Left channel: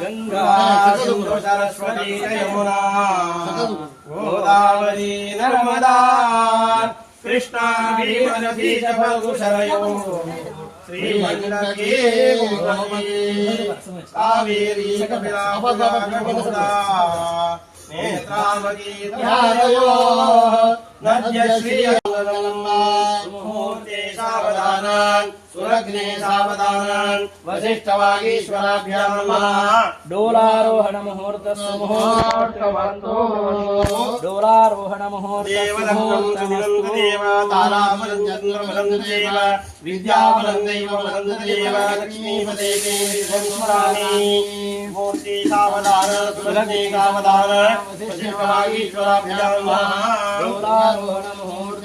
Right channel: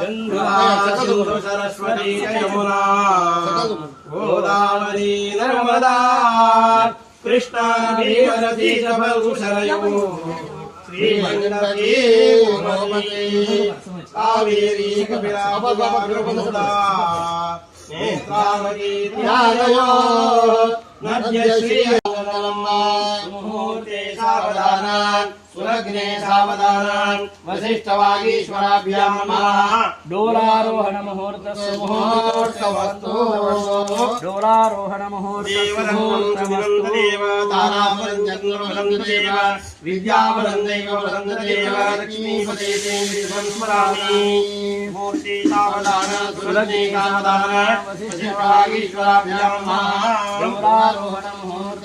గంగాసింధు సరస్వతి యమునా గోదావరి నర్మదా కృష్ణా భీమనది శరయో శ్రీమందీ కావేరీ కపిలాపదా నేత్రావతి सुरग्ने सावधानान् वसिष्ठवागीश्वराभ्यां नमः। डोलारोहण मुहूर्त मुहूर्तवन्तु डोलारोहण मुहूर्त देव ताराबलं चन्द्रबलं देव विद्याबलं दैवबलं देव लक्ष्मीपते ते विश्वं स्मरामि मूर्ति सावधान सुरग्ने सावधान वसिष्ठवागीश्वराभ्यां नमः डोलारोहण मुहूर्त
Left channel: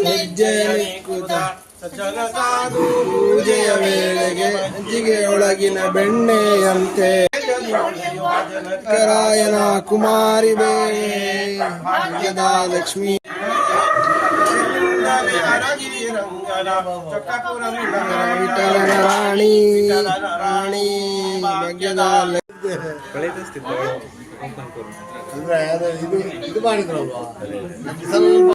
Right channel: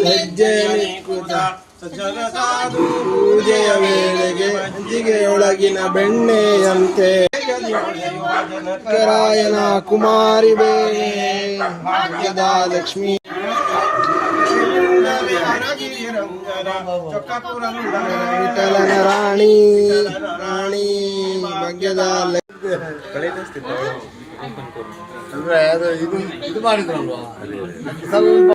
ಮೇಲೊಂದು ಹೆಜ್ಜೆಯ ನಿಕ್ಕುತ ಸಜ್ಜನ ಸಾಧು ಪೂಜೆಯ ವೇಳೆಗೆ ಮಜ್ಜಿಗೆಯೊಳಗಿನ ಬೆಣ್ಣೆಯಂತೆ ರಾಯನ ಕುಮಾರಿ ಭಾಗ್ಯದ ಲಕ್ಷ್ಮೀ. ವಿಠಲನ ರಾಣಿ ರಾಣಿ ಭಾಗ್ಯದ ಲಕ್ಷ್ಮಿ. ಅಂದ್ರೆ ಅದು ಇದು ಇದು ಮಾಡಿದ್ರಲ್ವಾ? ಸ್ವಲ್ಪ